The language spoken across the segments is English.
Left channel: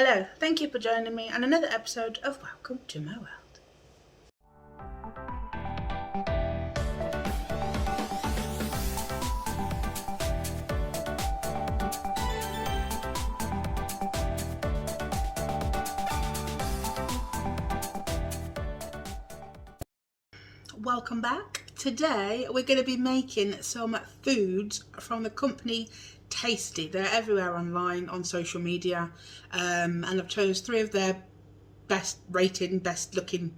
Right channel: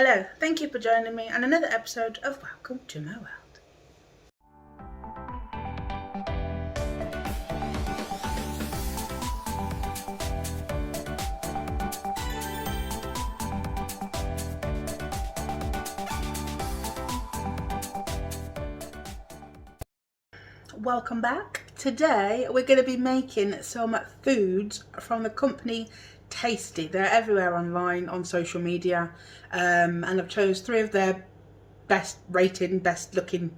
Hello, thank you for joining me on another episode of Welcome to My World. Welcome back. Today we're going to be making some foods from the company Tasty. They're everywhere online on social media, and I've chose 3 of their best rated, best looking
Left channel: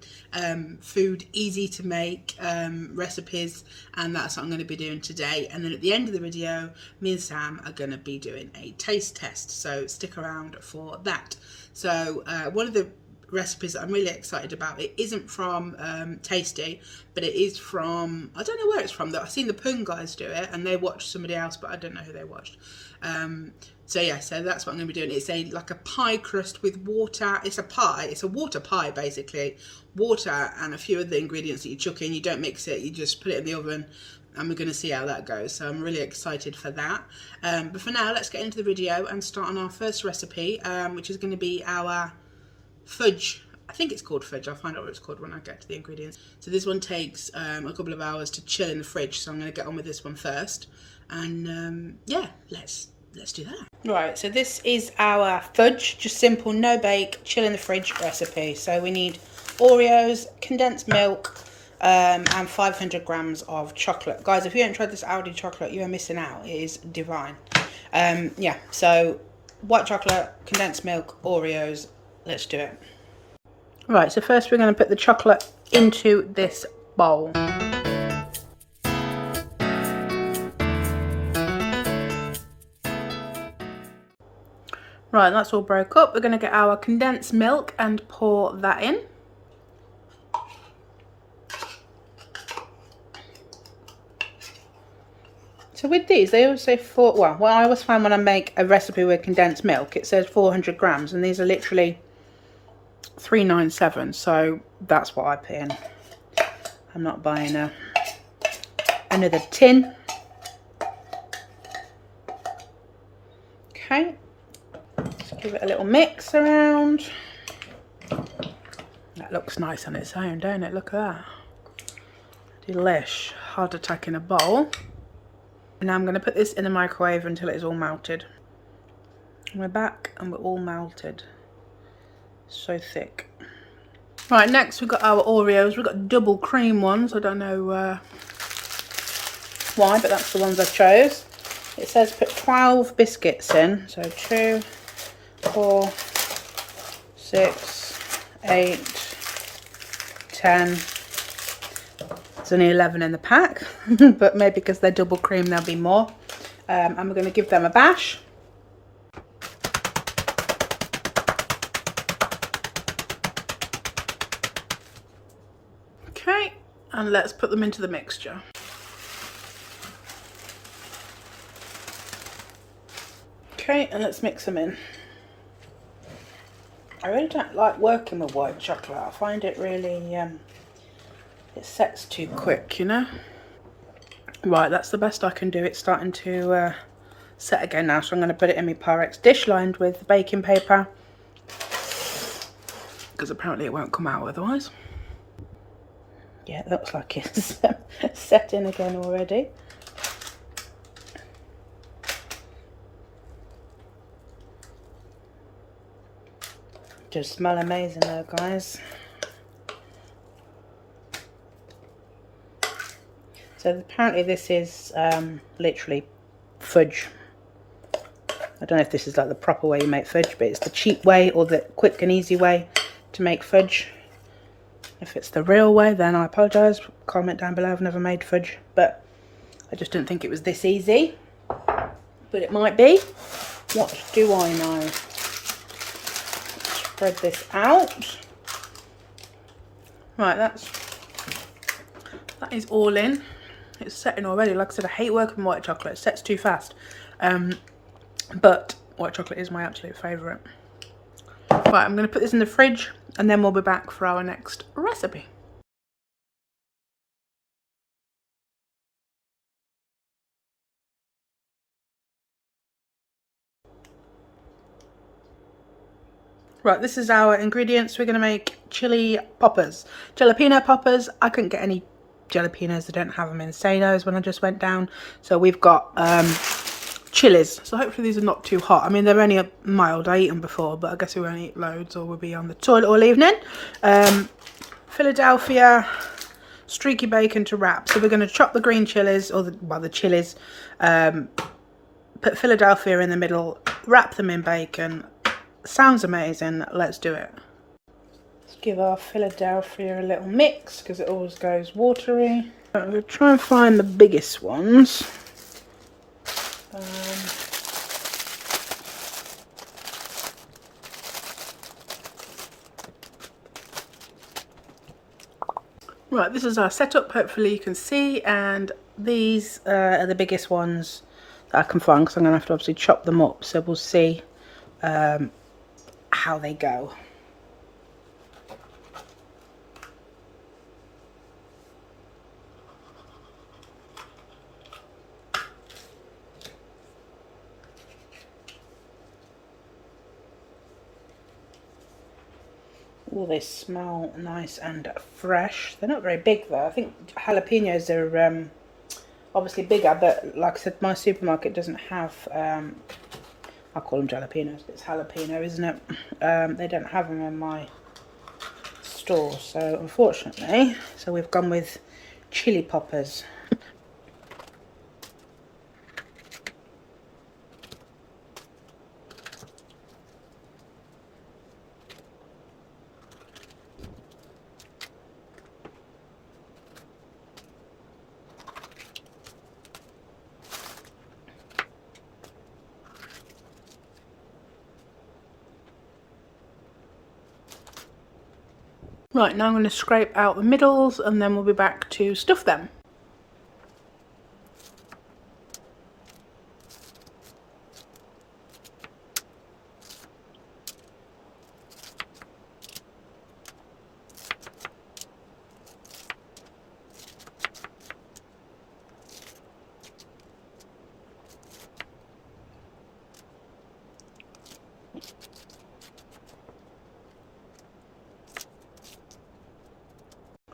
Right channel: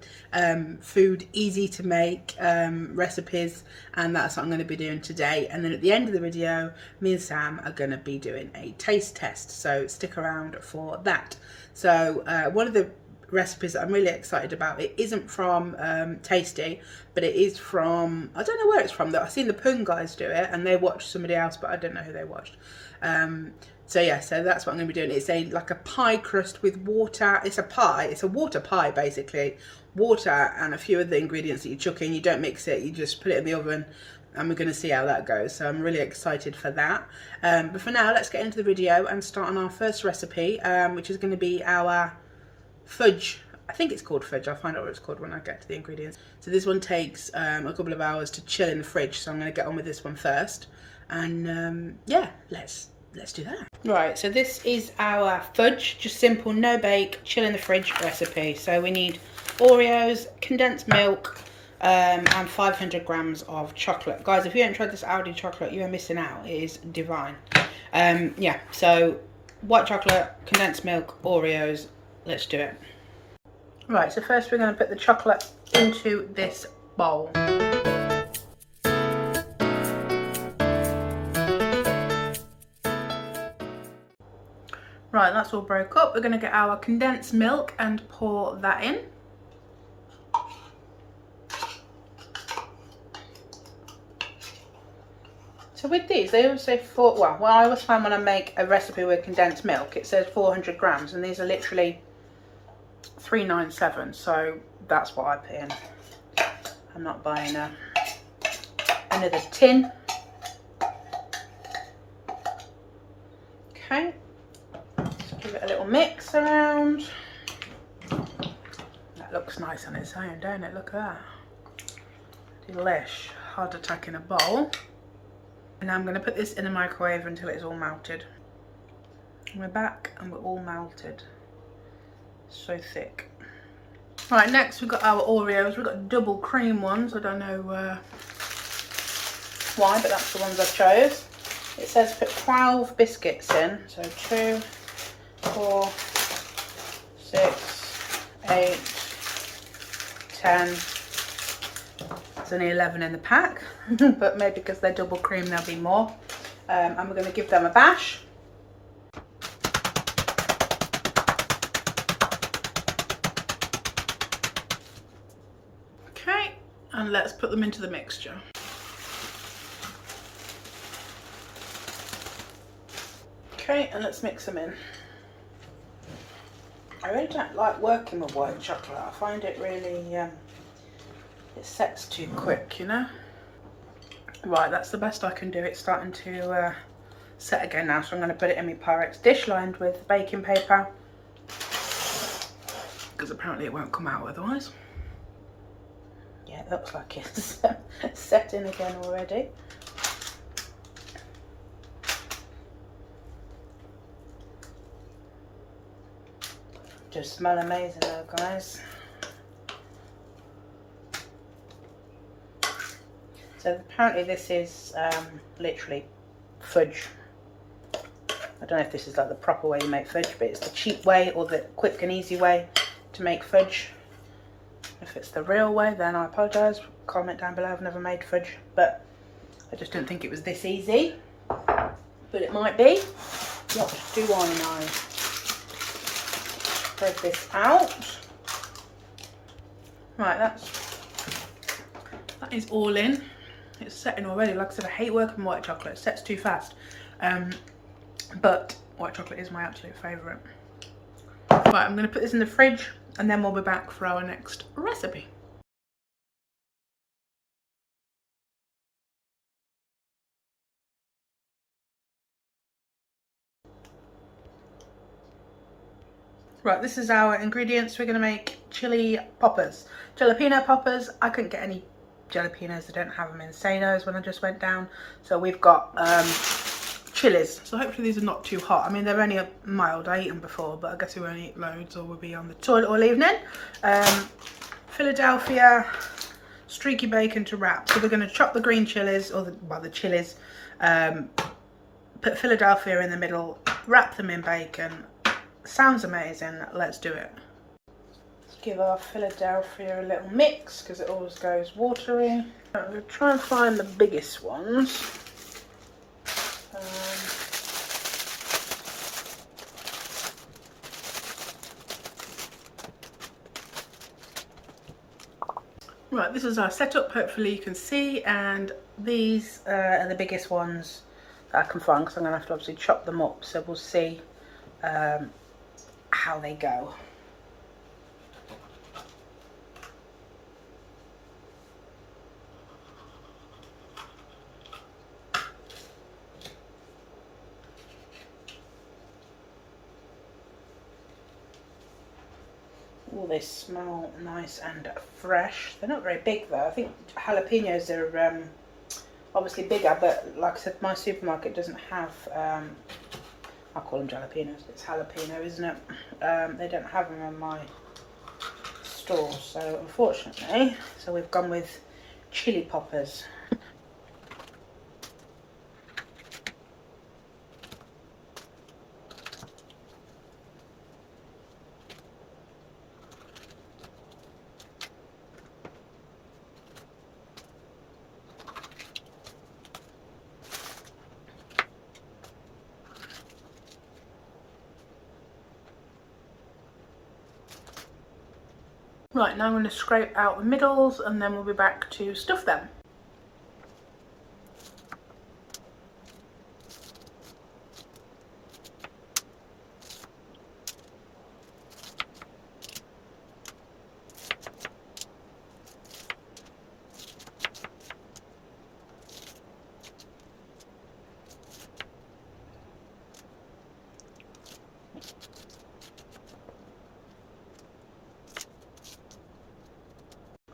food, easy to make recipes, and that's what I'm going to be doing today. And then at the end of the video, me and Sam are going to be doing a taste test, so stick around for that. So one of the recipes that I'm really excited about, it isn't from Tasty, but it is from, I don't know where it's from, though. I've seen the Poon guys do it and they watched somebody else, but I don't know who they watched. So yeah, so that's what I'm going to be doing. It's like a pie crust with water. It's a pie, it's a water pie basically. Water and a few of the ingredients that you chuck in. You don't mix it, you just put it in the oven, and we're going to see how that goes. So I'm really excited for that. But for now, let's get into the video and start on our first recipe, which is going to be our fudge. I think it's called fudge. I'll find out what it's called when I get to the ingredients. So this one takes a couple of hours to chill in the fridge, so I'm going to get on with this one first. And yeah, let's do that. Right, so this is our fudge, just simple, no bake, chill in the fridge recipe. So we need Oreos, condensed milk, and 500 grams of chocolate. Guys, if you haven't tried this Aldi chocolate, you are missing out. It is divine. Yeah, so white chocolate, condensed milk, Oreos. Let's do it. Right, so first we're going to put the chocolate into this bowl. Right, that's all broke up. We're going to get our condensed milk and pour that in. So with these, they always say well, I always find when I make a recipe with condensed milk, it says 400 grams, and these are literally 397, so that's what I put in. I'm not buying another tin. Okay, just give it a little mix around. That looks nice on its own, don't it? Look at that. Delish. Heart attack in a bowl. And now I'm going to put this in the microwave until it's all melted. And we're back and we're all melted. So thick. Right, next we've got our Oreos. We've got double cream ones. I don't know why, but that's the ones I chose. It says put 12 biscuits in. So 2, 4, 6, 8, 10. There's only 11 in the pack, but maybe because they're double cream there'll be more. And we're going to give them a bash. Okay, and let's put them into the mixture. Okay, and let's mix them in. I really don't like working with white chocolate. I find it really, it sets too quick, you know. Right, that's the best I can do. It's starting to set again now, so I'm going to put it in my Pyrex dish lined with baking paper, because apparently it won't come out otherwise. Yeah, it looks like it's set in again already. Just smell amazing though, guys. So apparently this is literally fudge. I don't know if this is like the proper way you make fudge, but it's the cheap way or the quick and easy way to make fudge. If it's the real way, then I apologise. Comment down below. I've never made fudge, but I just didn't think it was this easy. But it might be. What do I know? Spread this out. Right, that is all in. It's setting already. Like I said, I hate working with white chocolate. It sets too fast. But white chocolate is my absolute favourite. Right, I'm going to put this in the fridge and then we'll be back for our next recipe. Right, this is our ingredients. We're going to make chili poppers. Jalapeno poppers. I couldn't get any jalapenos. I don't have them in Sanos when I just went down. So we've got chilies. So hopefully these are not too hot. I mean, they're only mild. I eaten them before, but I guess we won't eat loads or we'll be on the toilet all evening. Philadelphia streaky bacon to wrap. So we're going to chop the green chilies, or the chilies, put Philadelphia in the middle, wrap them in bacon. Sounds amazing. Let's do it. Let's give our Philadelphia a little mix because it always goes watery. I'm going to try and find the biggest ones. Right, this is our setup. Hopefully you can see, and these are the biggest ones that I can find because I'm going to have to obviously chop them up, so we'll see how they go. Oh, they smell nice and fresh. They're not very big though. I think jalapenos are obviously bigger, but like I said, my supermarket doesn't have, I call them jalapenos, but it's jalapeno, isn't it? They don't have them in my store, so unfortunately, so we've gone with chili poppers. Right, now I'm going to scrape out the middles and then we'll be back to stuff them.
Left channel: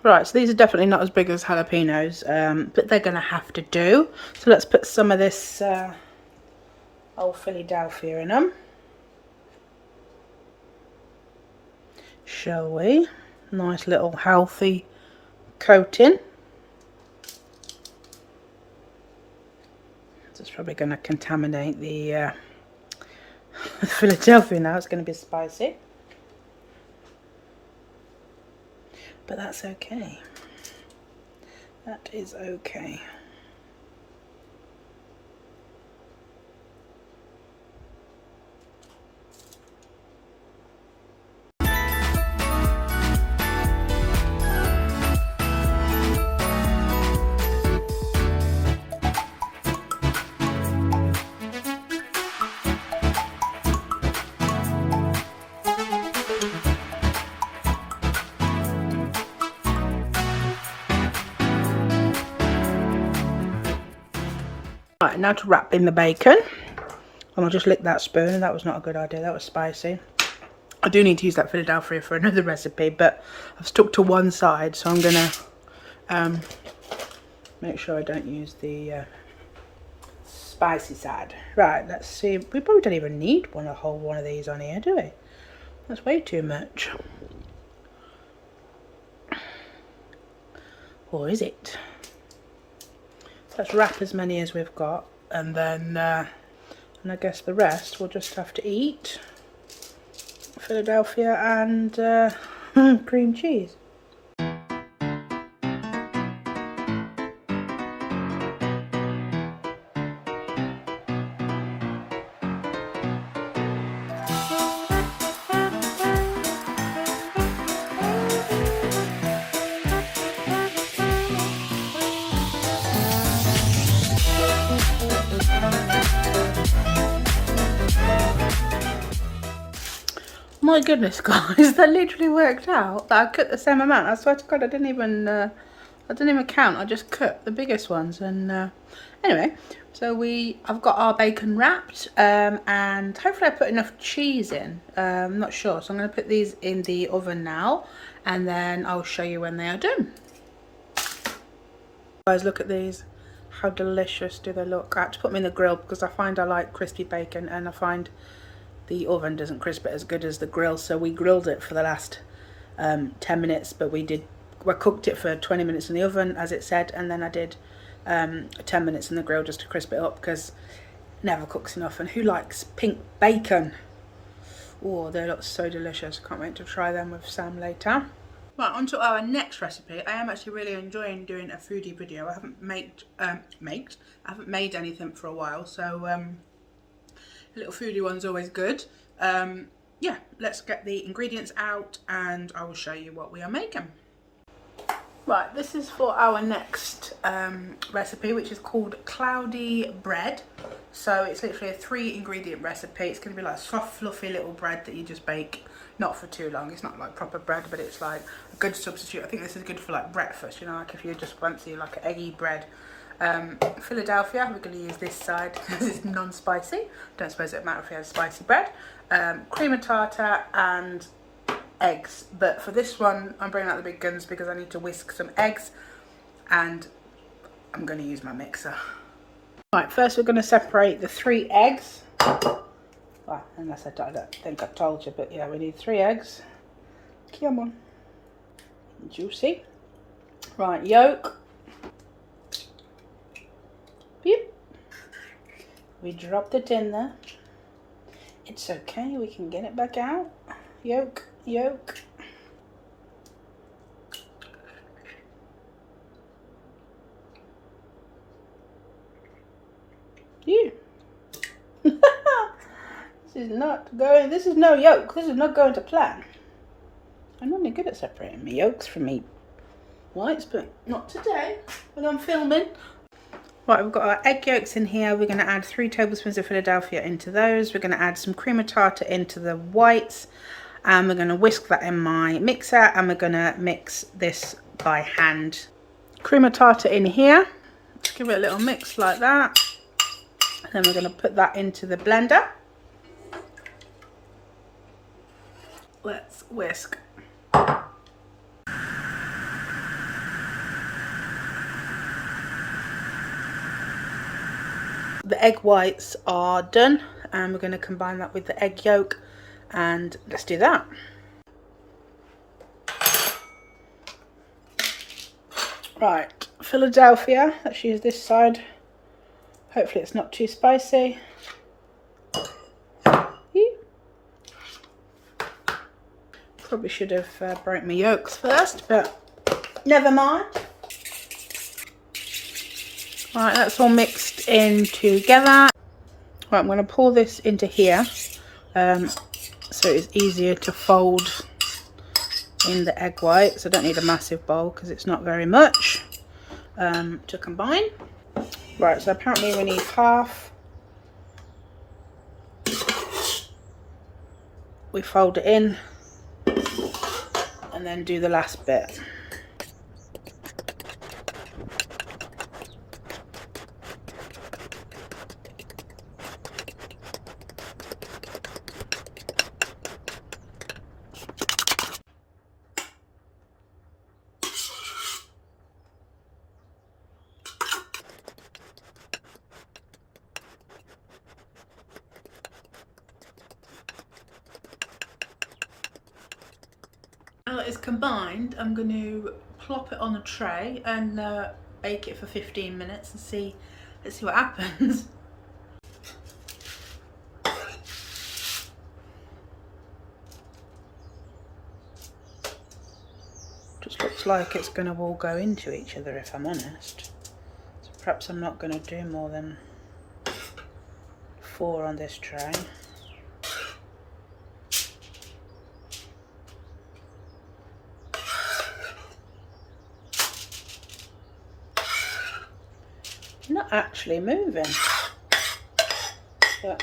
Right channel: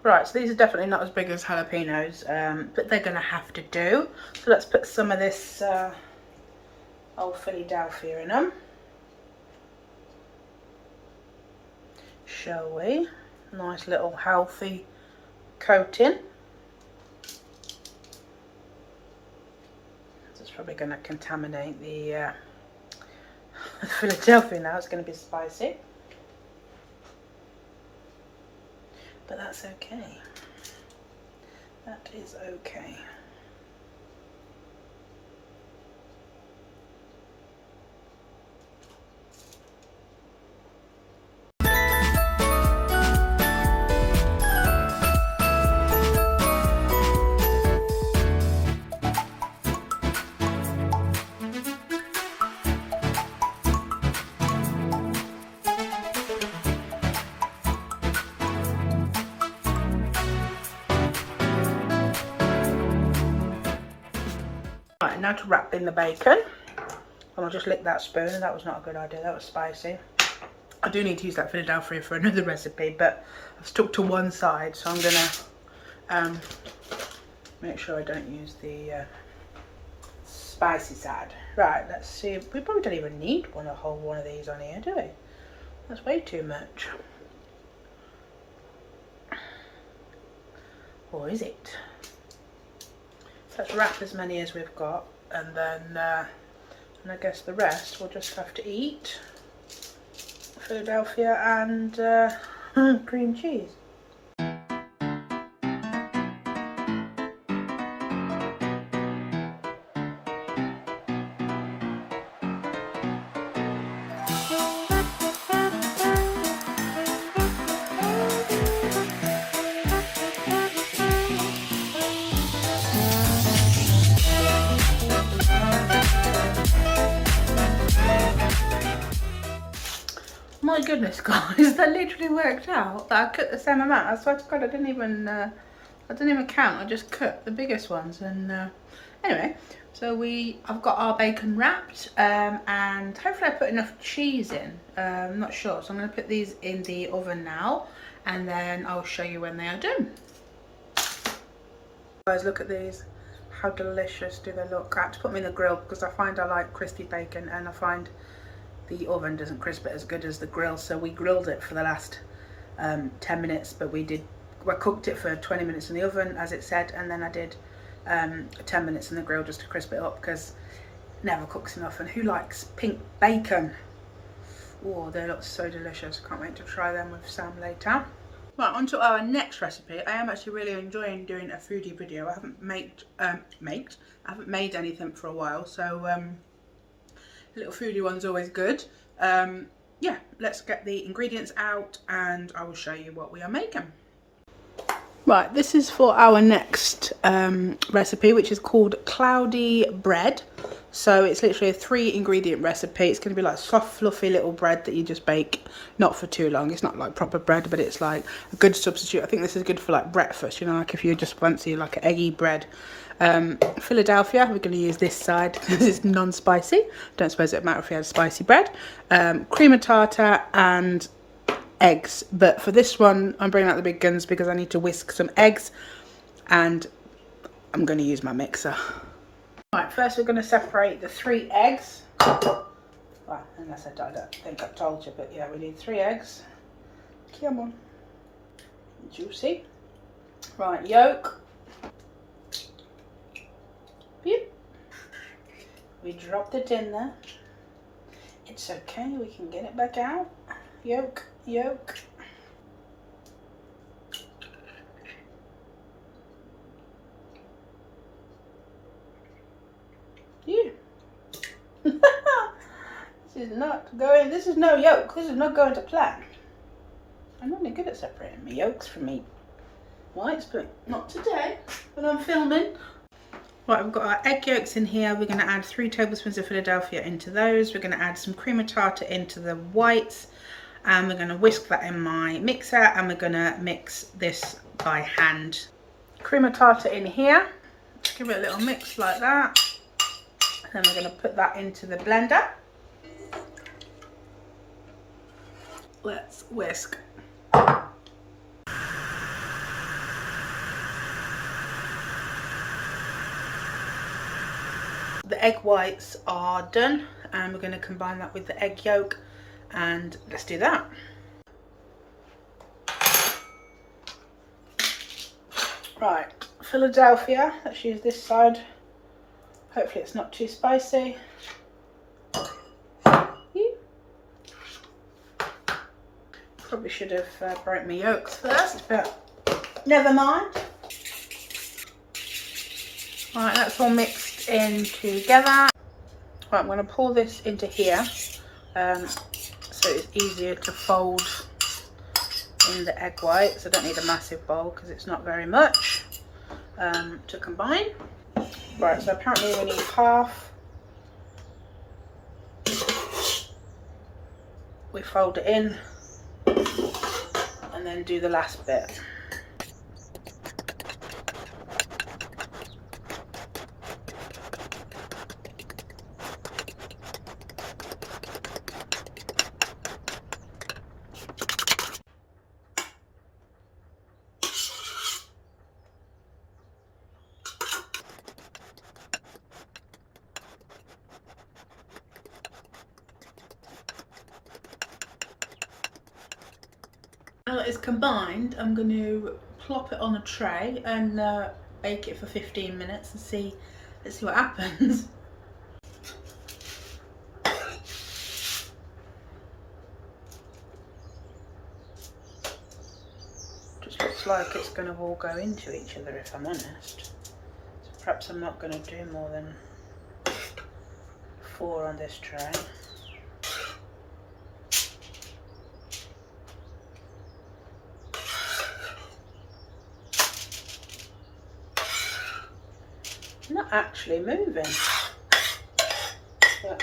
Right, so these are definitely not as big as jalapenos, but they're going to have to do. So let's put some of this old Philadelphia in them. Shall we? Nice little healthy coating. It's probably going to contaminate the Philadelphia now. It's going to be spicy. But that's okay. That is okay. Right, now to wrap in the bacon. And I'll just lick that spoon. That was not a good idea. That was spicy. I do need to use that Philadelphia for another recipe, but I've stuck to one side, so I'm gonna make sure I don't use the spicy side. Right, let's see. We probably don't even need a whole one of these on here, do we? That's way too much. Or is it? Let's wrap as many as we've got, and then and I guess the rest we'll just have to eat. Philadelphia and cream cheese. My goodness, guys, that literally worked out. That I cut the same amount. I swear to God, I didn't even count. I just cut the biggest ones, and anyway, So I've got our bacon wrapped, and hopefully I put enough cheese in. I'm not sure, so I'm going to put these in the oven now, and then I'll show you when they are done. Guys, look at these. How delicious do they look? I have to put them in the grill because I find I like crispy bacon, and I find the oven doesn't crisp it as good as the grill. So we grilled it for the last 10 minutes, but we cooked it for 20 minutes in the oven as it said, and then I did 10 minutes in the grill just to crisp it up because it never cooks enough. And who likes pink bacon? Oh, they look so delicious. Can't wait to try them with Sam later. Right, on to our next recipe. I am actually really enjoying doing a foodie video. I haven't made anything for a while, so a little foodie one's always good. Yeah, let's get the ingredients out and I will show you what we are making. Right, this is for our next recipe, which is called cloudy bread. So it's literally a 3-ingredient recipe. It's going to be like soft, fluffy little bread that you just bake, not for too long. It's not like proper bread, but it's like a good substitute. I think this is good for like breakfast, you know, like if you just fancy like an eggy bread. Philadelphia, we're going to use this side because it's non-spicy. Don't suppose it would matter if we had spicy bread. Cream of tartar and eggs, but for this one I'm bringing out the big guns because I need to whisk some eggs and I'm going to use my mixer. Right, first we're going to separate the 3 eggs. Well, unless I don't think I told you, but yeah, we need 3 eggs. Come on. Juicy. Right, yolk. Yep. We dropped it in there. It's okay, we can get it back out. Yolk. Yolk. Yeah. This is no yolk. This is not going to plan. I'm normally good at separating my yolks from my whites, but not today when I'm filming. Right, we've got our egg yolks in here. We're going to add 3 tablespoons of Philadelphia into those. We're going to add some cream of tartar into the whites. And we're going to whisk that in my mixer and we're going to mix this by hand. Cream of tartar in here. Give it a little mix like that. And then we're going to put that into the blender. Let's whisk. The egg whites are done and we're going to combine that with the egg yolk. And let's do that. Right, Philadelphia, let's use this side. Hopefully it's not too spicy. Probably should have broke my yolks first, but never mind. Right, that's all mixed in together. Right, I'm going to pour this into here. So it's easier to fold in the egg whites. I don't need a massive bowl because it's not very much to combine. Right, so apparently we need half. We fold it in and then do the last bit. Now that it's combined, I'm going to plop it on a tray and bake it for 15 minutes and let's see what happens. Just looks like it's going to all go into each other if I'm honest. So perhaps I'm not going to do more than 4 on this tray. Not actually moving, but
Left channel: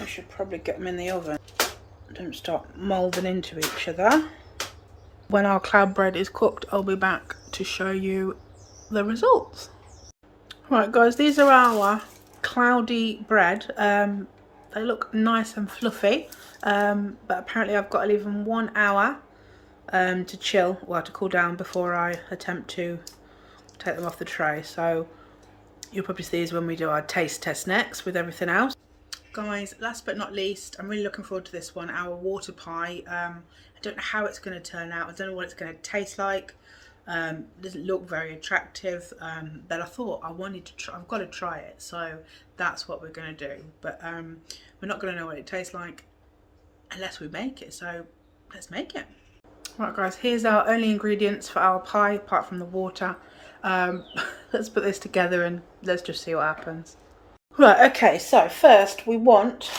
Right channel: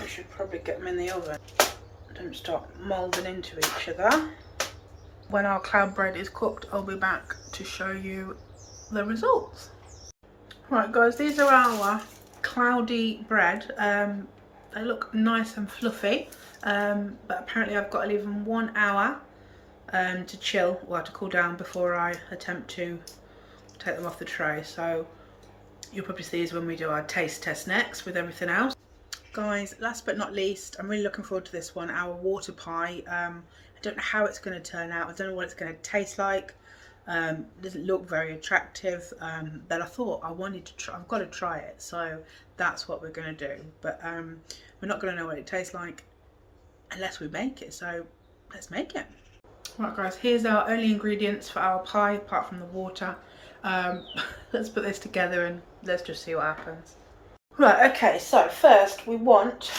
we should probably get them in the oven. Don't start moulding into each other. When our cloud bread is cooked, I'll be back to show you the results. Right guys, these are our cloudy bread. They look nice and fluffy, but apparently I've got to leave them 1 hour to chill, well, to cool down before I attempt to take them off the tray. So you'll probably see these when we do our taste test next with everything else. Guys, last but not least, I'm really looking forward to this one, our water pie. I don't know how it's going to turn out. I don't know what it's going to taste like. It doesn't look very attractive, but I thought I wanted to try. I've got to try it, so that's what we're going to do. But we're not going to know what it tastes like unless we make it, so let's make it. Right guys, here's our only ingredients for our pie apart from the water. Let's put this together and let's just see what happens. Right, okay, so first we want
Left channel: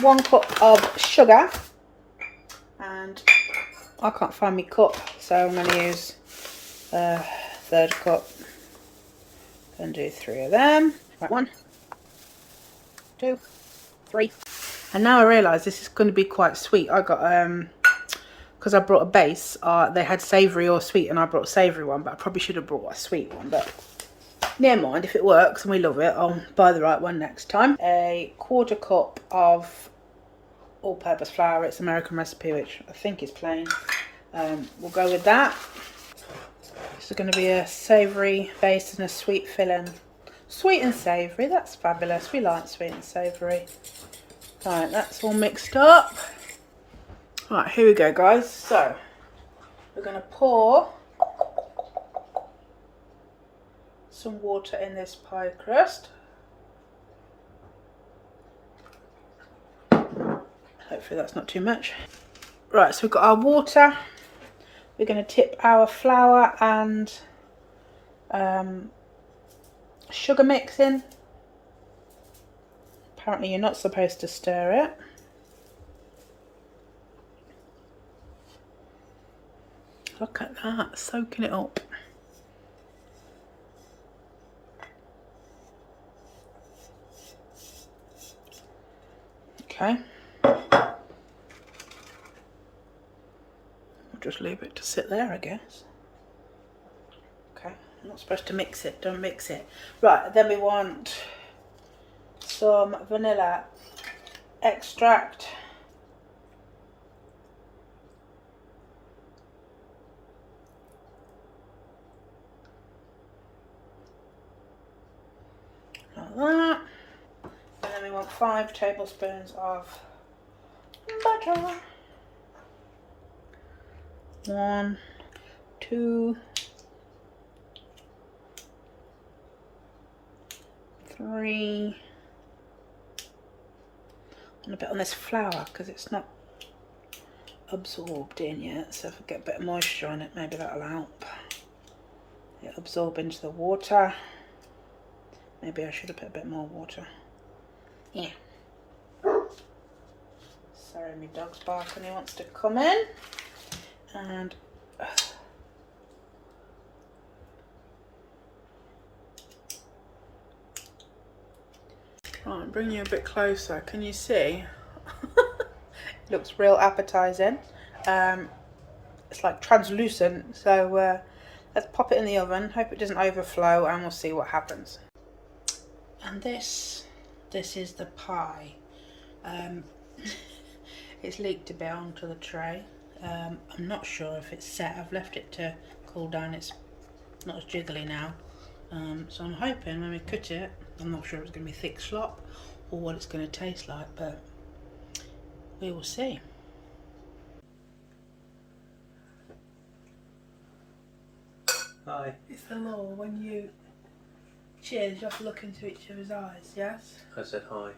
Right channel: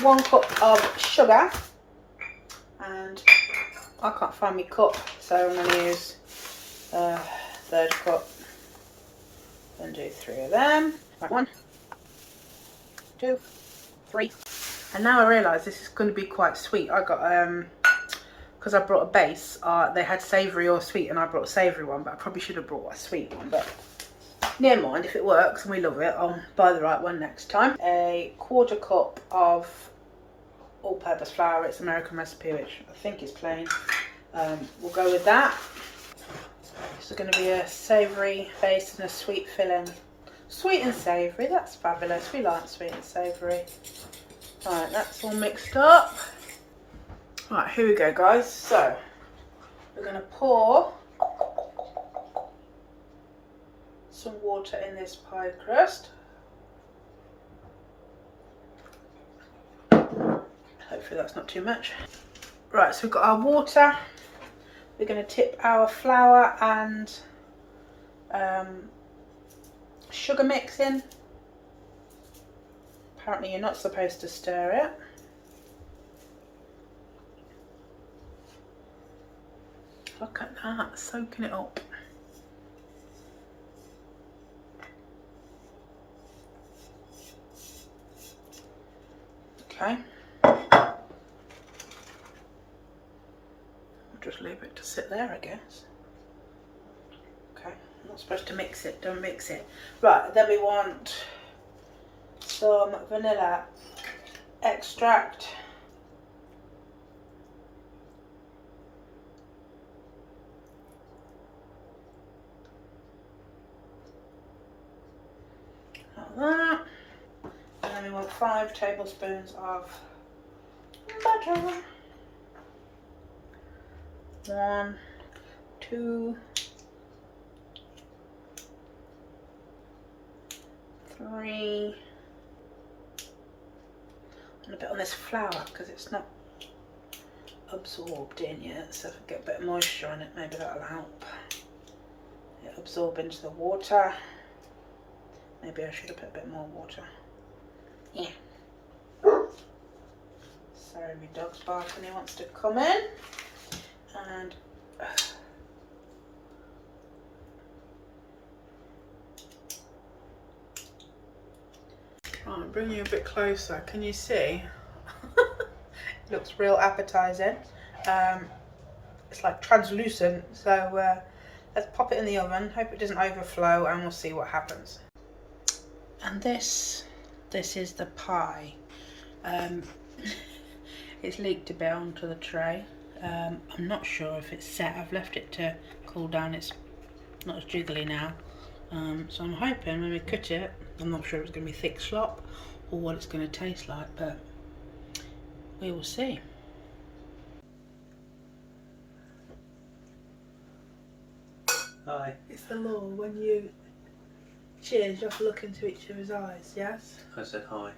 1 cup of sugar, and I can't find my cup, so I'm going to use a 1/3 cup and do 3 of them. Right, 1, 2, 3. And now I realise this is going to be quite sweet. I got, because I brought a base, they had savoury or sweet, and I brought a savoury one, but I probably should have brought a sweet one, but never mind. If it works and we love it, I'll buy the right one next time. A 1/4 cup of all-purpose flour. It's American recipe, which I think is plain. We'll go with that. This is going to be a savoury base and a sweet filling. Sweet and savoury, that's fabulous. We like sweet and savoury. Right, that's all mixed up. Right, here we go guys. So, we're going to pour some water in this pie crust. Hopefully that's not too much. Right, so we've got our water. We're going to tip our flour and sugar mix in. Apparently you're not supposed to stir it. Look at that, soaking it up. Okay. We'll just leave it to sit there, I guess. Okay, I'm not supposed to mix it, don't mix it. Right, then we want some vanilla extract. Like that. And then we want 5 tablespoons of butter. 1, 2, 3, and a bit on this flour because it's not absorbed in yet, so if I get a bit of moisture on it, maybe that'll help it absorb into the water. Maybe I should have put a bit more water. Yeah. Sorry, my dog's barking, he wants to come in. And I'm bringing you a bit closer. Can you see? It looks real appetizing. It's like translucent. So let's pop it in the oven. Hope it doesn't overflow, and we'll see what happens. And this is the pie. It's leaked a bit onto the tray. I'm not sure if it's set. I've left it to cool down. It's not as jiggly now. So I'm hoping when we cut it, I'm not sure if it's going to be thick slop or what it's going to taste like, but we will see. Hi. It's the law when you cheers, you have to look into each other's eyes, yes? I said hi.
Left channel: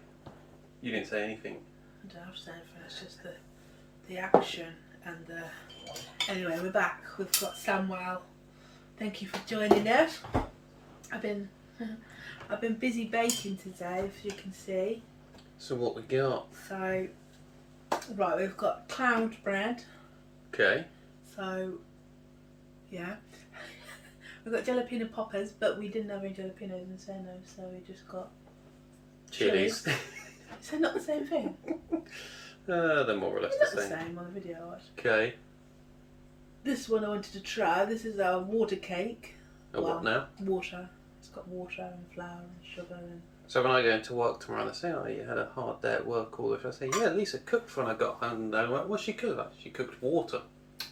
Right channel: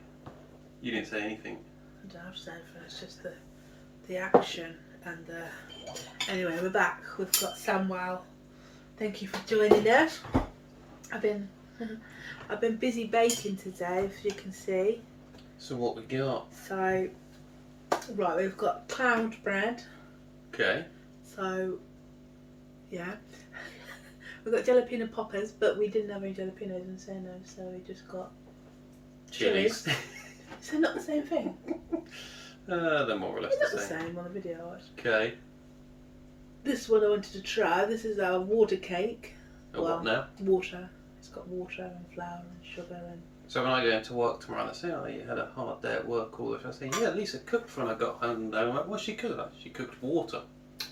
You didn't say anything. I don't have to say anything, it's just the action and the... Anyway, we're back. We've got Samwel. Thank you for joining us. I've been busy baking today, if you can see. So what we got? So, right, we've got cloud bread. Okay. So, yeah. We've got jalapeno poppers, but we didn't have any jalapenos in Seno, so we just got Chilies. Is that not the same thing? They're more or less It's the not the same. same on the video I watched. Okay. This is what I wanted to try. This is our water cake. Oh, well, what now? Water. It's got water and flour and sugar and... So when I go into work tomorrow and I say, oh, you had a hard day at work all this, I say, yeah, Lisa cooked when I got home. And I'm like, what's she cooked? She cooked water.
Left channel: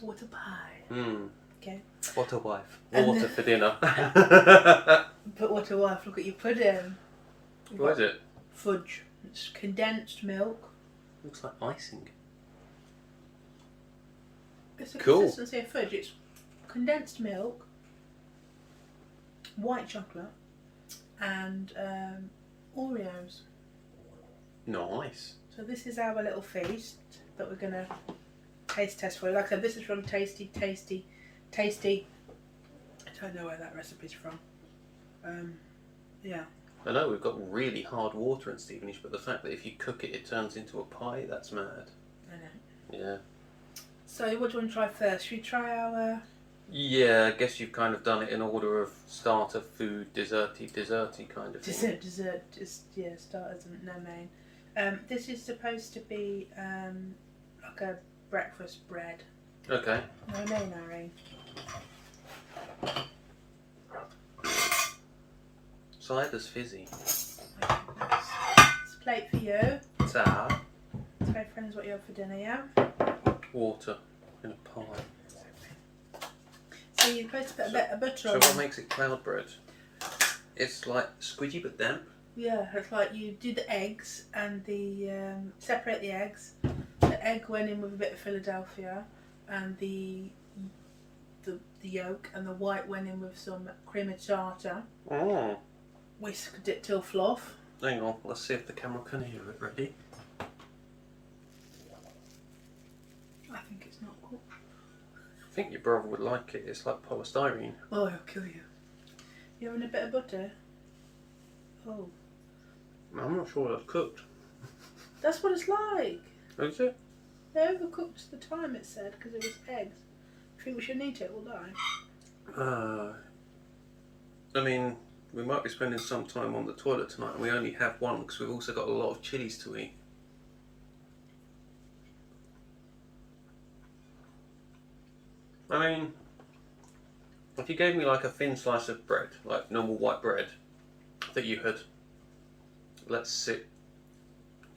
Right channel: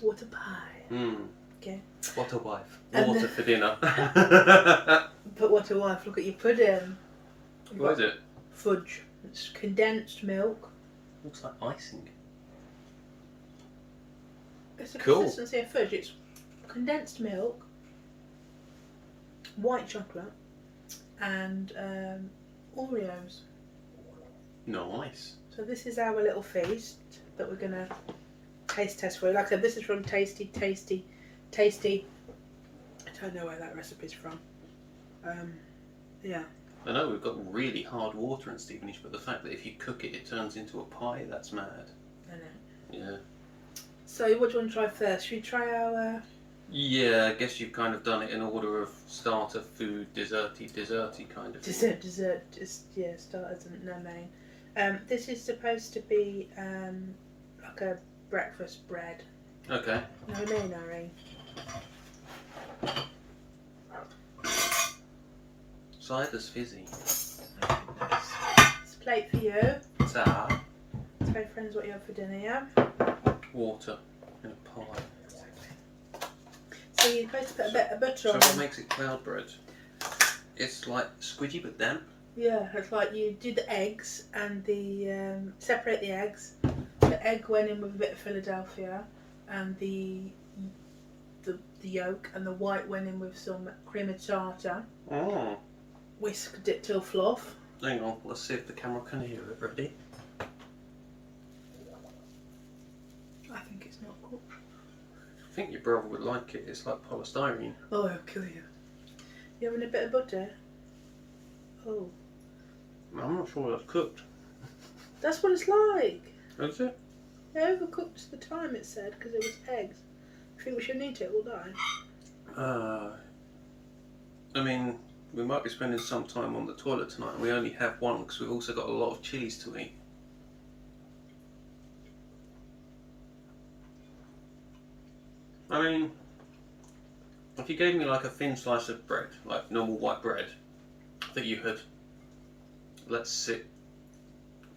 Water pie. Okay. What a wife. And Water for dinner. But what a wife, look at your pudding. What is it? Fudge. It's condensed milk. Looks like icing. It's the Cool. consistency of fudge. It's condensed milk, white chocolate, and Oreos. Nice. So this is our little feast that we're going to taste test for you. Like I said, this is from Tasty. I don't know where that recipe's from. Yeah. I know we've got really hard water in Stevenage, but the fact that if you cook it, it turns into a pie, that's mad. I know. Yeah. So what do you want to try first? Should we try our... Yeah, I guess you've kind of done it in order of starter, food, desserty kind of thing. Dessert, just, yeah, starters and no main. This is supposed to be like a breakfast bread. Okay. No main, Irene. Cider's fizzy. My goodness. It's a plate for you. Ta. Tell friends what you have for dinner, yeah? Water in a pie. Exactly. So you're supposed to put a bit of butter So on. what makes it cloud bread? It's like squidgy but damp. Yeah, it's like you do the eggs and the separate the eggs. The egg went in with a bit of Philadelphia, and the yolk and the white went in with some cream of tartar. Oh. Whisked it till fluff. Hang on, let's see if the camera can hear it. Ready? I think it's not cooked. I think your brother would like it. It's like polystyrene. Oh, it'll kill you. You having a bit of butter? Oh. I'm not sure that's cooked. That's what it's like. Is it? They overcooked the time, it said, because it was eggs. I think we should eat it, we'll die. I mean, we might be spending some time on the toilet tonight. We only have one because we've also got a lot of chilies to eat. I mean, if you gave me like a thin slice of bread, like normal white bread, that you had let sit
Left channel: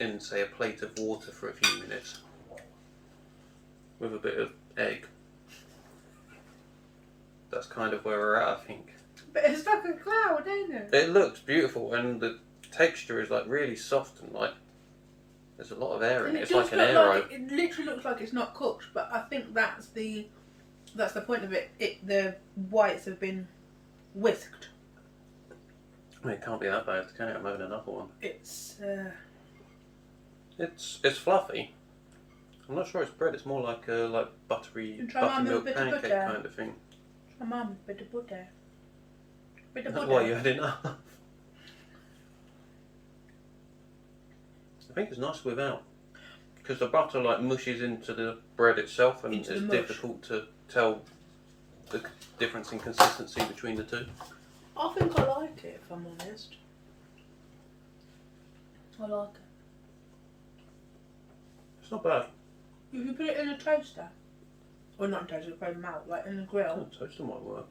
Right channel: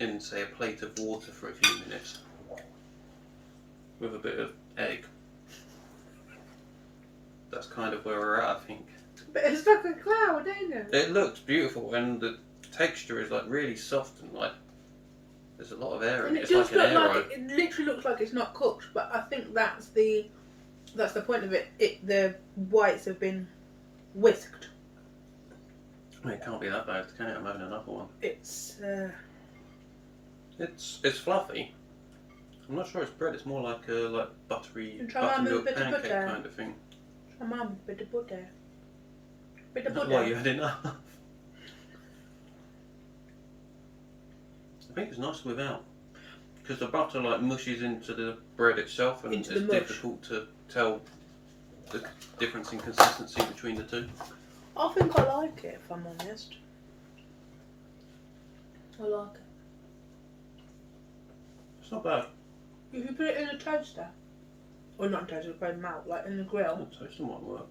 in, say, a plate of water for a few minutes with a bit of egg, that's kind of where we're at, I think. But it's like a cloud, ain't it? It looks beautiful, and the texture is like really soft and like there's a lot of air in And it. it It's does like an look aero. like it literally looks like it's not cooked, but I think that's the point of it. The whites have been whisked. I mean, it can't be that bad, can it? I'm having another one. It's fluffy. I'm not sure it's bread. It's more like a buttery You try mine with a buttermilk bit of pancake butter? kind of thing. try mine with a bit of butter. Bit of That's butter. why you had enough. I think it's nice without, because the butter like mushes into the bread itself, and Into it's the mush. difficult to tell the difference in consistency between the two. I think I like it, if I'm honest. I like it. It's not bad. If you put it in a toaster, or not in a toaster, it's probably melt, like in a grill, Toaster might work.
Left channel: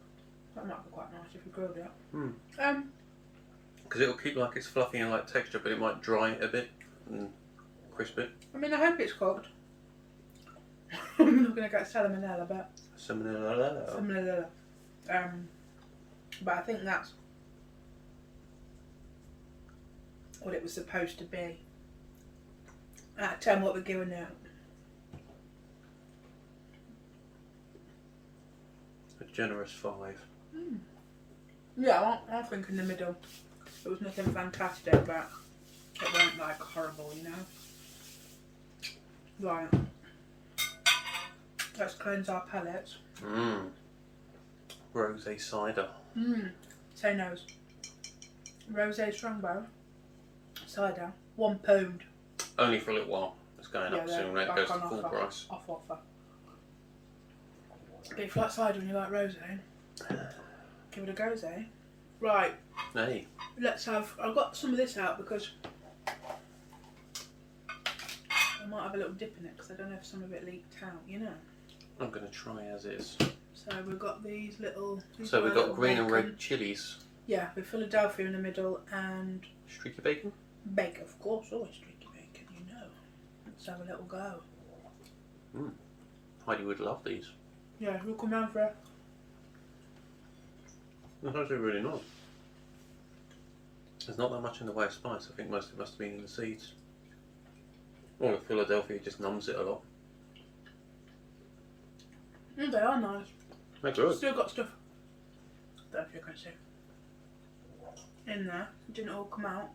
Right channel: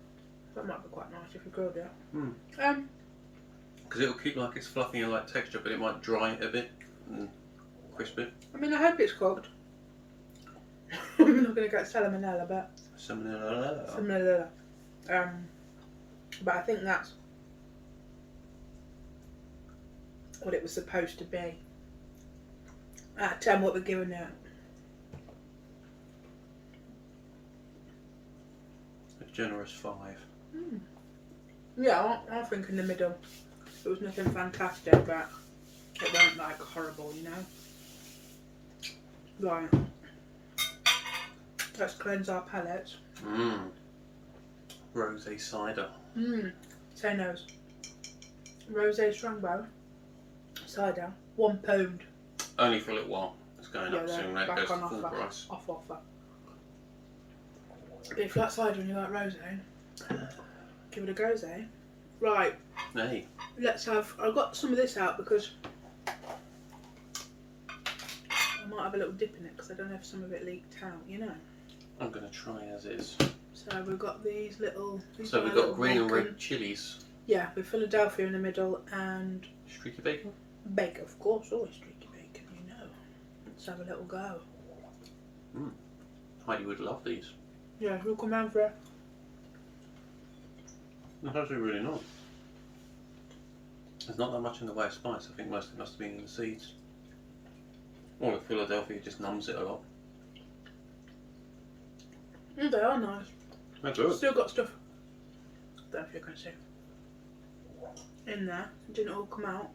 that might be quite nice if you grilled it. Hmm. Because it'll keep like its fluffy and like texture, but it might dry it a bit and crisp it. I mean, I hope it's cooked. I'm not going to get salmonella, but salmonella. But I think that's what it was supposed to be. Out of 10, what we're giving it. A generous 5. Yeah, I think in the middle. It was nothing fantastic, but it weren't like horrible, you know. Right. Let's cleanse our palates. Rosé cider. Say no's. Rosé Strongbow cider, £1. Only for a little while. It's going up soon. When it back goes on to full offer. price. Off offer. But if you like cider and you like rosé, give it a go, eh? Right. Hey. Let's have. I've got some of this out because I might have a little dip in it because I don't know if some of it leaked out. You know. I'm going to try as is. So we've got these little. So we've got green and red chilies. Yeah, with Philadelphia in the middle and Streaky bacon? bacon, of course, always streaky bacon, you know. Let's have a little go. Heidi would love these. Yeah, we'll come round for it. That's actually really nice. There's not that much in the way of spice. I think most of it must have been in the seeds. Or the Philadelphia just numbs it a lot. They are nice. They're good. Still got stuff. I don't know if you can see. In there. It didn't all come out.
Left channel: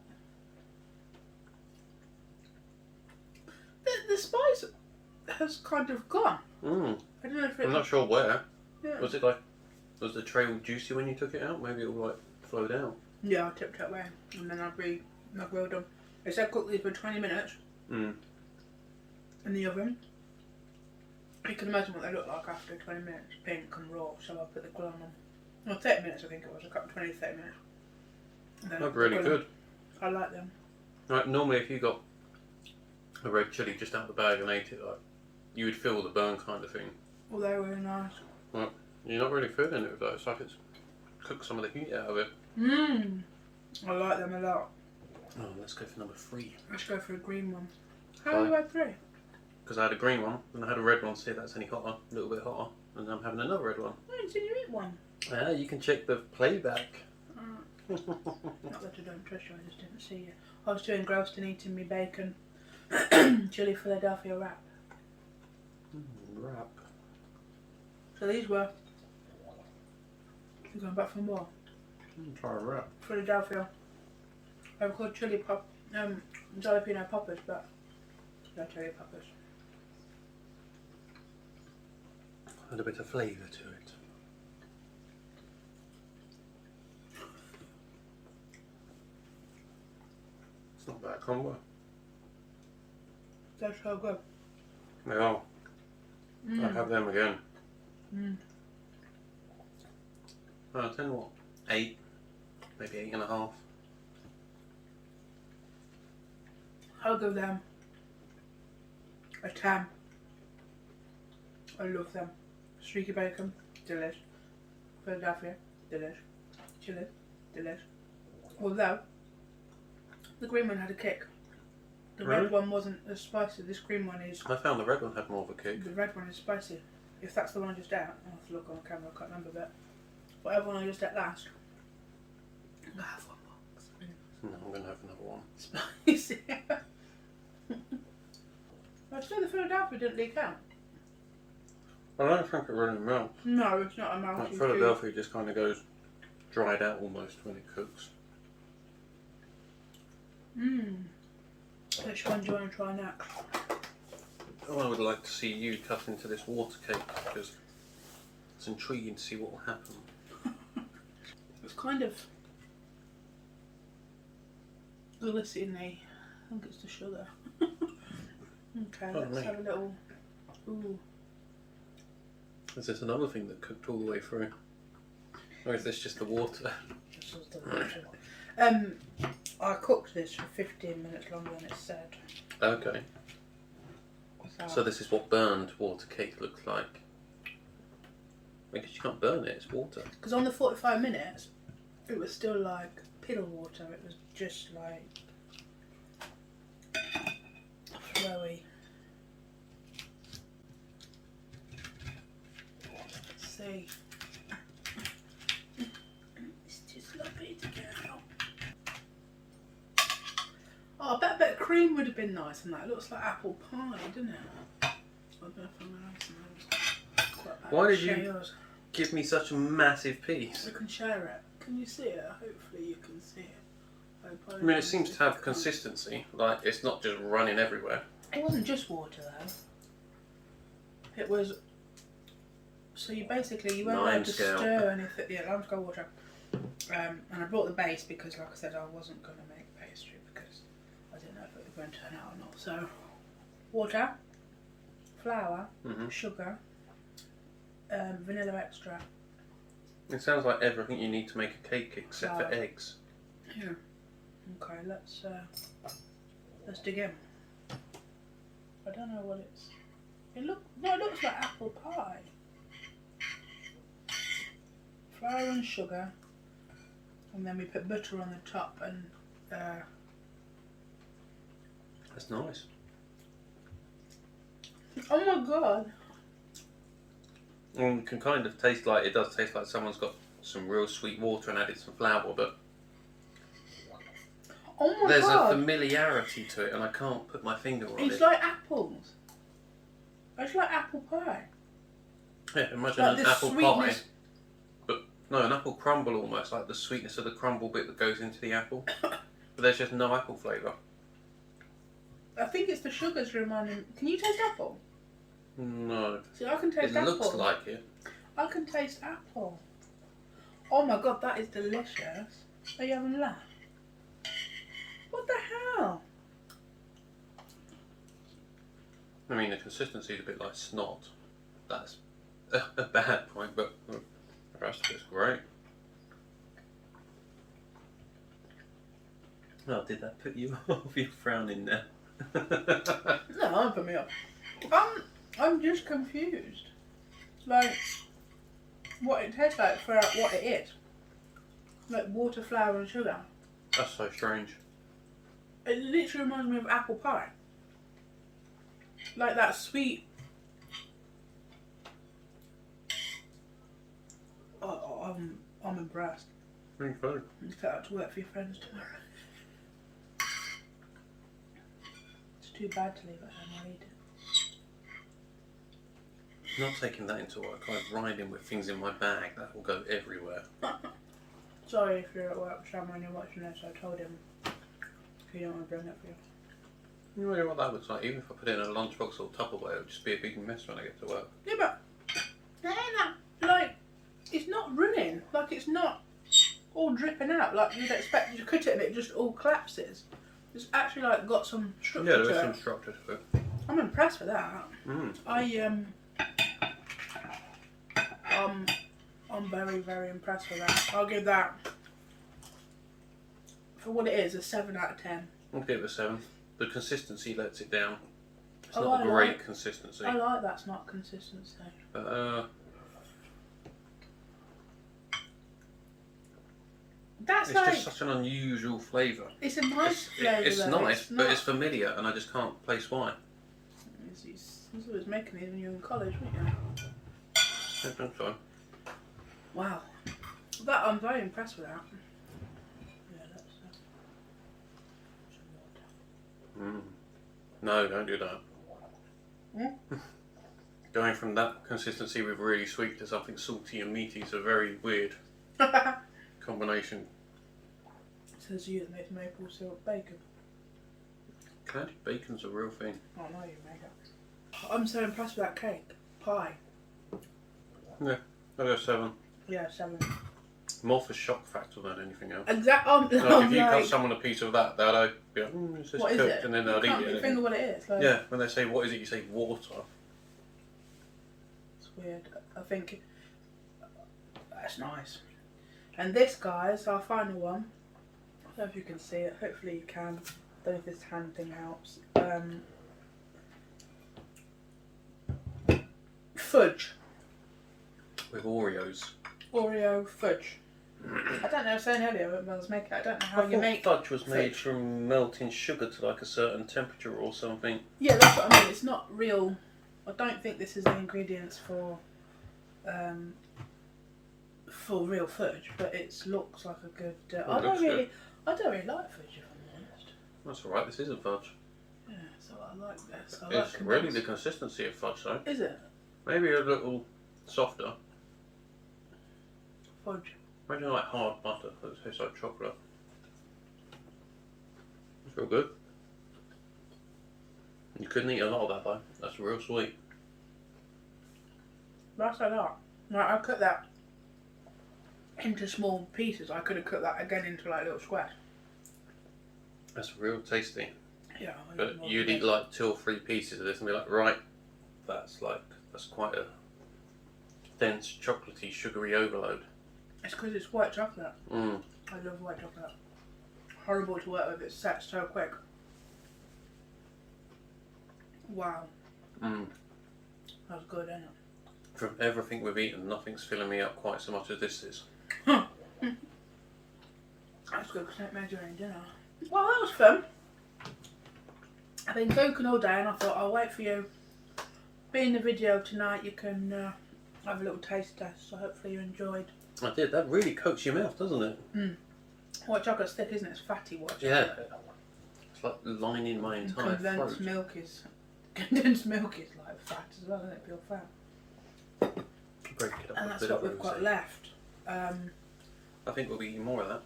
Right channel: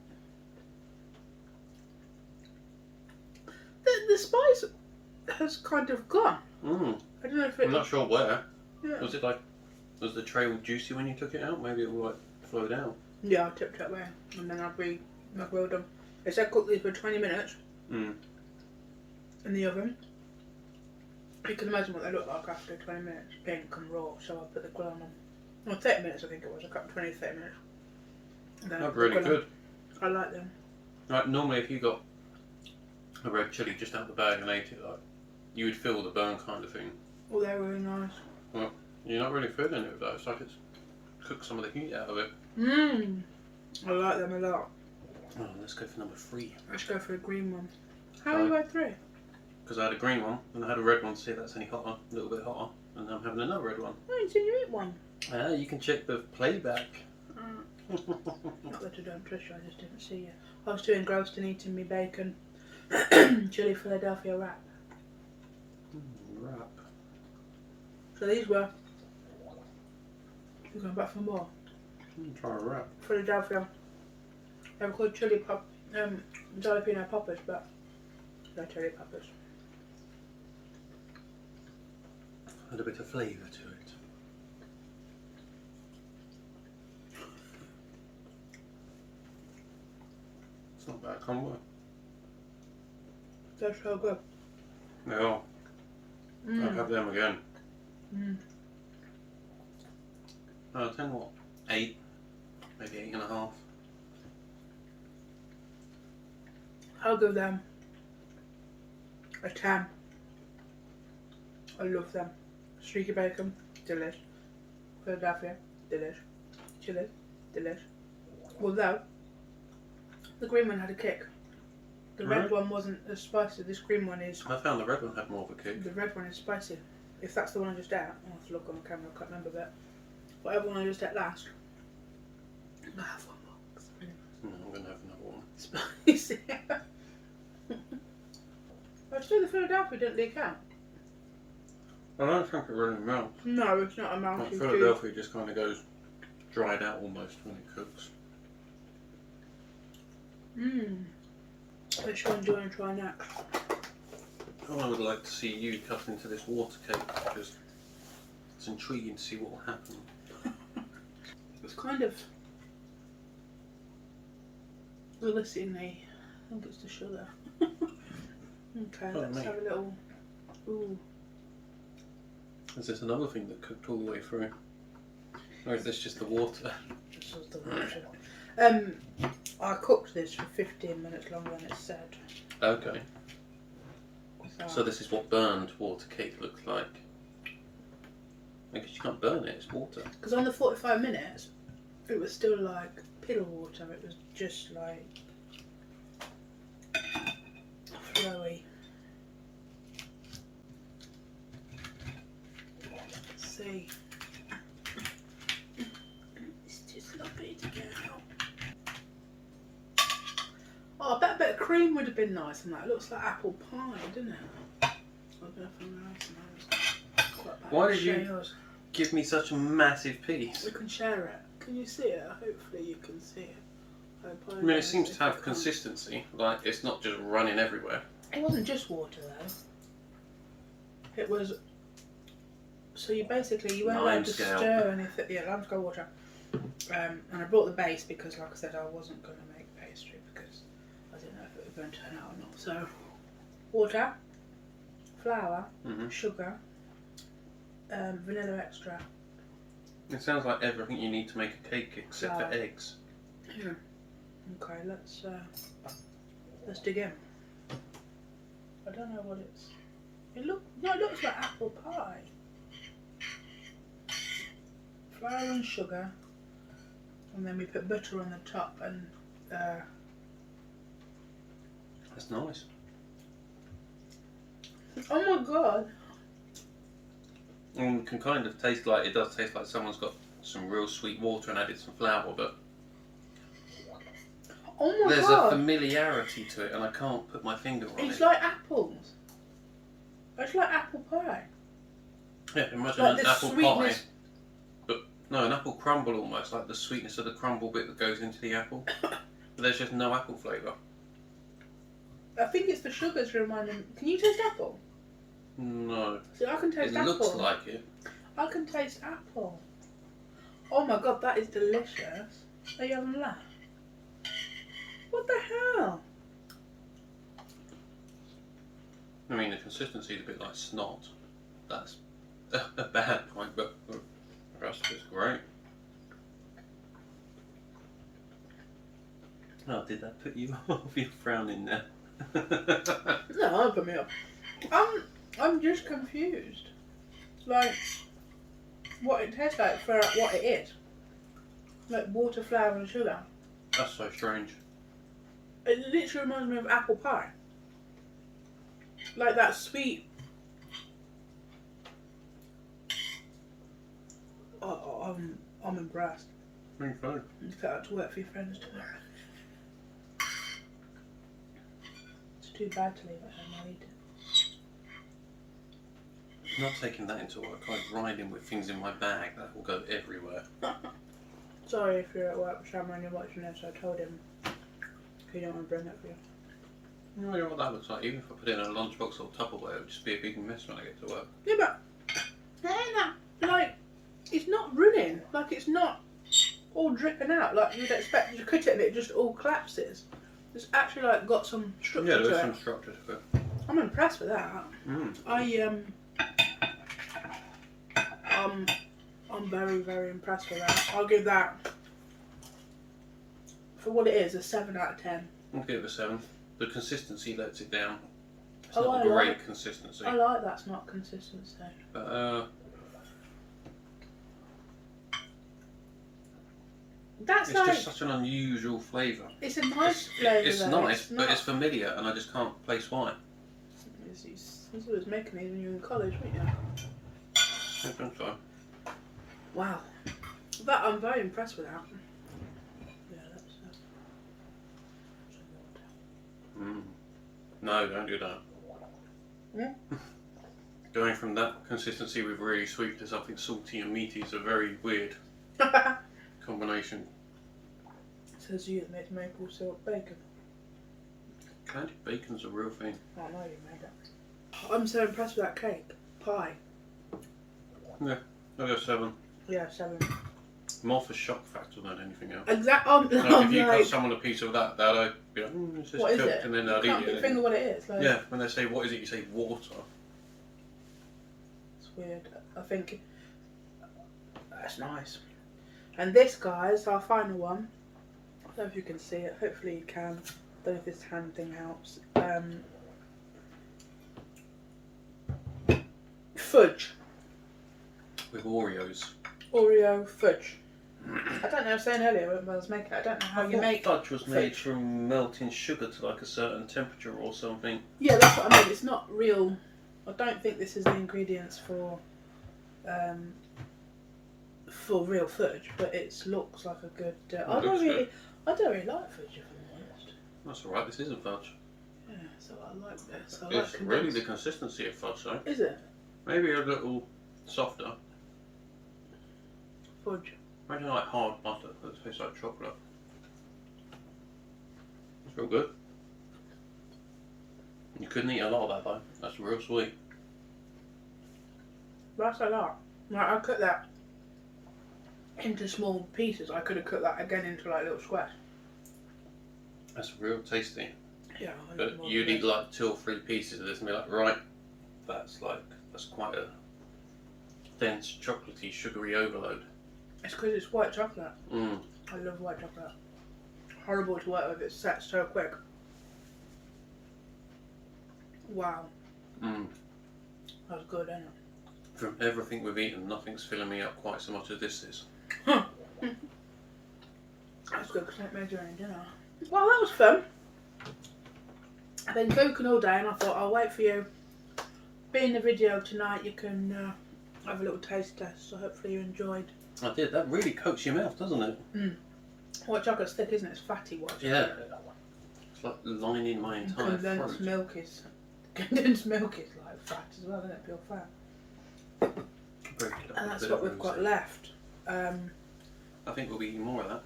The spice has kind of gone. I don't know if it... I'm not sure where. Yeah. Was the tray all juicy when you took it out? Maybe it will like float out. Yeah, I tipped it away and then I grilled them. I said cook these for 20 minutes in the oven. You can imagine what they look like after 20 minutes, pink and raw, so I put the grill on them. Well, 30 minutes I think it was, I cut 20, 30 minutes. And then They're really good. I like them. Like normally if you got a red chilli just out the bag and ate it, like you would feel the burn kind of thing. Oh, they're really nice. Well, you're not really feeling it with that. It's like it's cooked some of the heat out of it. I like them a lot. Oh, let's go for number 3. Let's go for a green one. How you had 3? Because I had a green one and I had a red one to see if that's any hotter, a little bit hotter, and I'm having another red one. Oh, you said you eat one. Yeah, you can check the playback. Not that I don't trust you, I just didn't see you. I was too engrossed in eating me bacon. Chili Philadelphia wrap. Wrap. So these were... You're going back for more? Try a wrap. Philadelphia. They were called jalapeno poppers, but they're chili poppers. Had a bit of flavour to it. It's not bad combo. They're so good. They are. I'll have them again. I'll tell you what, 8, maybe 8.5. I'll give them a 10. I love them. Streaky bacon, delish. Philadelphia, delish. Chili, delish. Although, the green one had a kick. The red one wasn't as spicy. This green one is... I found the red one had more of a kick. The red one is spicy. If that's the one I just ate, I'll have to look on the camera, I can't remember that. Whatever one I just ate last. I'm going to have one more. It's really nice. No, I'm going to have another one. Spicy. I still the Philadelphia didn't leak out. I don't think it really melts. No, it's not a melty. Like Philadelphia just kind of goes dried out almost when it cooks. Which one do you want to try next? I would like to see you cut into this water cake because it's intriguing to see what will happen. It's kind of glistening. I think it's the sugar. Okay, let's have a little. Ooh. Is this another thing that cooked all the way through? Or is this just the water? This was the water. I cooked this for 15 minutes longer than it said. Okay. So this is what burned water cake looks like. Because you can't burn it, it's water. Because on the 45 minutes, it was still like piddle water. It was just like flowy. Let's see. It's too sloppy to get out. Oh, I bet a bit of cream would have been nice on that. It looks like apple pie, doesn't it? I don't know if I'm going to have some. Why did you give me such a massive piece? We can share it. Can you see it? Hopefully you can see it. I mean, it seems to have consistency. Like, it's not just running everywhere. It wasn't just water though. It was... So you basically, you weren't allowed to stir anything. Yeah, limescale water. And I brought the base because, like I said, I wasn't going to make pastry because I didn't know if it was going to turn out or not. So, water, flour, sugar, vanilla extract. It sounds like everything you need to make a cake except for eggs. Yeah. Okay, let's dig in. I don't know what it's. It looks like apple pie. Flour and sugar, And then we put butter on the top and That's nice. oh my god. And it can kind of taste like, it does taste like someone's got some real sweet water and added some flour, but Oh my there's god. a familiarity to it and I can't put my finger on It's it. like apples. It's like apple pie. Yeah, imagine Like an the apple sweetness. pie. But no, an apple crumble almost, like the sweetness of the crumble bit that goes into the apple. But there's just no apple flavour. I think it's the sugars reminding. Can you taste apple? No. See, I can taste It apple. looks like it. I can taste apple. Oh my god, that is delicious. Are you having that? What the hell? I mean, the consistency is a bit like snot. That's a bad point, but the rest of it's great. Oh, did that put you off? You're frowning there. No, don't put me up. I'm just confused. Like, what it tastes like for what it is. Like water, flour and sugar. That's so strange. It literally reminds me of apple pie. Like that sweet. Oh, I'm impressed. Thank you. You put out to work for your friends tomorrow. It's too bad to leave at home. I'll eat it. Not taking that into work. I'm riding with things in my bag that will go everywhere. Sorry if you're at work with Sam and you're watching this. I told him he don't want to bring it for you. You know what that looks like? Even if I put it in a lunchbox or Tupperware, it would just be a big mess when I get to work. Yeah, but it ain't that, like, it's not running. Like, it's not all dripping out like you'd expect. You cut it and it just all collapses. It's actually like got some structure Yeah, to there's it. some structure to it. I'm impressed with that. I'm very, very impressed with that. I'll give that, for what it is, a 7 out of 10. I'll give it a 7. The consistency lets it down. It's Oh, not I a great like- consistency. I like that's not consistency. But, That's it's like, just such an unusual flavour. it's a nice flavour. It's though. nice, not, but it's familiar, and I just can't place why. He's always making these when you're in college, weren't you? I think so. Wow. But I'm very impressed with that. Yeah, that's some water. No, don't do that. Hmm? Going from that consistency with really sweet to something salty and meaty is a very weird combination. Says you that makes maple syrup bacon. Candy bacon's a real thing. Oh no, you made that. I'm so impressed with that cake. Pie. Yeah, I'll go 7. Yeah, 7. More for shock factor than anything else. Exactly. I'm If you cut like, someone a piece of that, they'd be like, it's just what is cooked, it? and then You they'd can't eat put your it. finger what it is. Like, Yeah, when they say, what is it, you say water. It's weird. I think that's nice. And this, guys, our final one. I don't know if you can see it. Hopefully you can. Don't know if this hand thing helps. Fudge. With Oreos. Oreo fudge. I don't know. I was saying earlier when I was making it. I don't know how I you thought make. fudge was made fudge. from melting sugar to like a certain temperature or something. Yeah, that's what I mean. It's not real. I don't think this is the ingredients for real fudge, but it looks like a good. I don't really like fudge, if I'm honest. That's alright, this isn't fudge. Yeah, so I like this. I It's like really the condensed. consistency of fudge though. Is it Maybe a little softer. fudge? Maybe like hard butter that tastes like chocolate. It's real good. You couldn't eat a lot of that though. That's real sweet. That's like that. Like, I cut that into small pieces. I could have cut that again into like little squares. That's real tasty. Yeah, But you'd eat like 2 or 3 pieces of this and be like, right, that's quite a dense, chocolatey, sugary overload. It's because it's white chocolate. Mm. I love white chocolate. Horrible to work with. It sets so quick. Wow, Mm. that was good, isn't it? From everything we've eaten, nothing's filling me up quite so much as this is. That's good because I made your own dinner. Well, that was fun. I've been cooking all day and I thought I'll wait for you. Be in the video tonight, you can have a little taste test, so hopefully you enjoyed. I did. That really coats your mouth, doesn't it? Mm. White chocolate's thick, isn't it? It's fatty white chocolate. Yeah. It's like lining my entire Condensed throat. milk is like fat as well, isn't it? Pure fat. And that's what we've got left. I think we'll be eating more of that.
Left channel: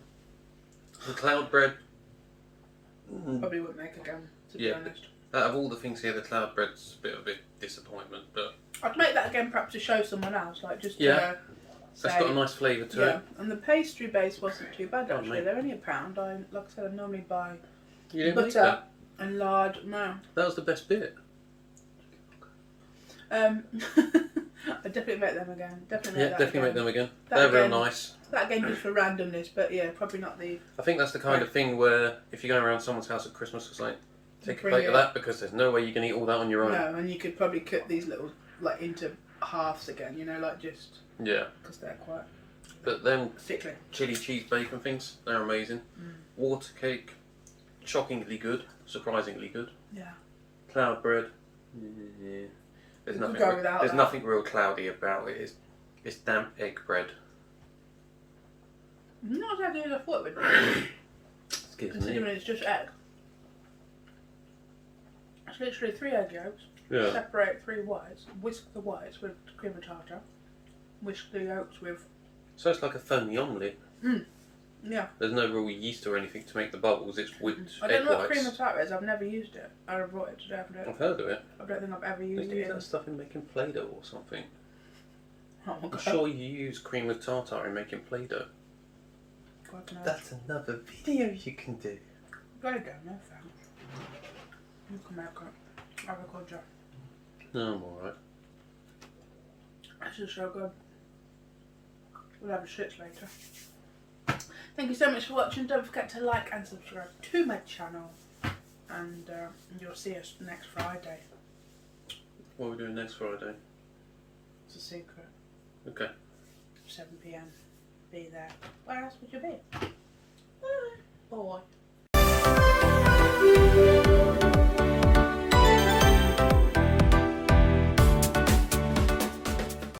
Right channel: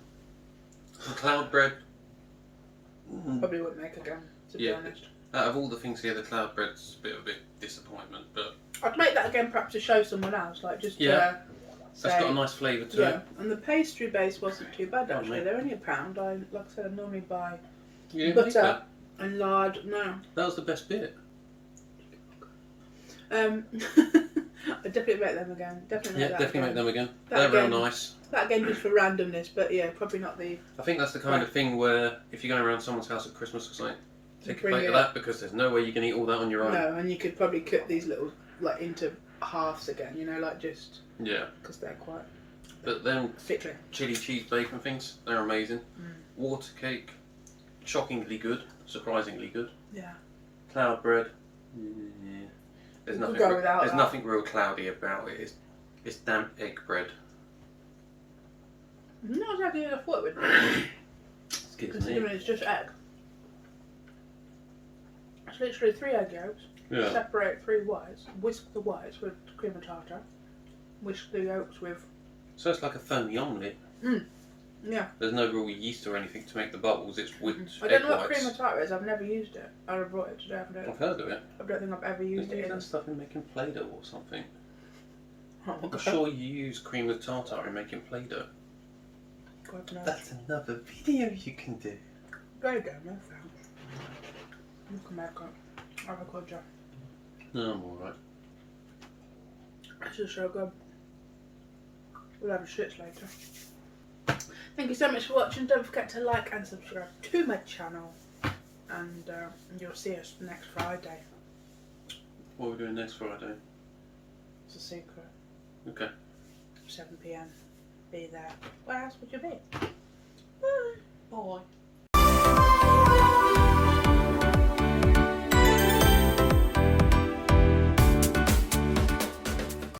And cloud bread. Probably won't make again, to be honest. Out of all the things here, the cloud bread's a bit of a disappointment, but I'd make that again, perhaps to show someone else, like just to that's say. got a nice flavour to it. And the pastry base wasn't too bad Oh, actually. mate. They're only £1. Like I said, I normally buy You didn't make butter that? and lard. No. That was the best bit. I definitely make them again. Definitely make that definitely again. make them again. That They're again. real nice. That again just for randomness, but yeah, probably not the. I think that's the kind of thing where if you're going around someone's house at Christmas, it's like, take a Bring plate it. of that because there's no way you can eat all that on your own. No, and you could probably cut these little like into halves again, you know, like just Yeah. because they're quite But then thickly. chili cheese bacon things, they're amazing. Water cake, shockingly good, surprisingly good. Yeah. Cloud bread, yeah. There's We nothing. could go without There's that. nothing real cloudy about it. It's damp egg bread. Not exactly as I thought it would be, Excuse me. considering it's just egg. It's literally 3 egg yolks. Yeah. Separate 3 whites. Whisk the whites with cream and tartar. Whisk the yolks with. So it's like a foamy omelette. Yeah. There's no real yeast or anything to make the bubbles. It's whipped I egg don't know what whites. cream and tartar is. I've never used it. I brought it today. I've heard of it. I don't think I've ever They used use it in. that stuff in making Play-Doh or something. Oh my I'm god. sure you use cream with tartar in making Play-Doh. God knows. That's another video you can do. Go down, no thanks. You can make it. Avocado. No, I'm alright. This is so good. We'll have a shits later. Thank you so much for watching. Don't forget to like and subscribe to my channel. And you'll see us next Friday. What are we doing next Friday? It's a secret. Okay. 7 PM. Be there. Where else would you be? Bye. Bye.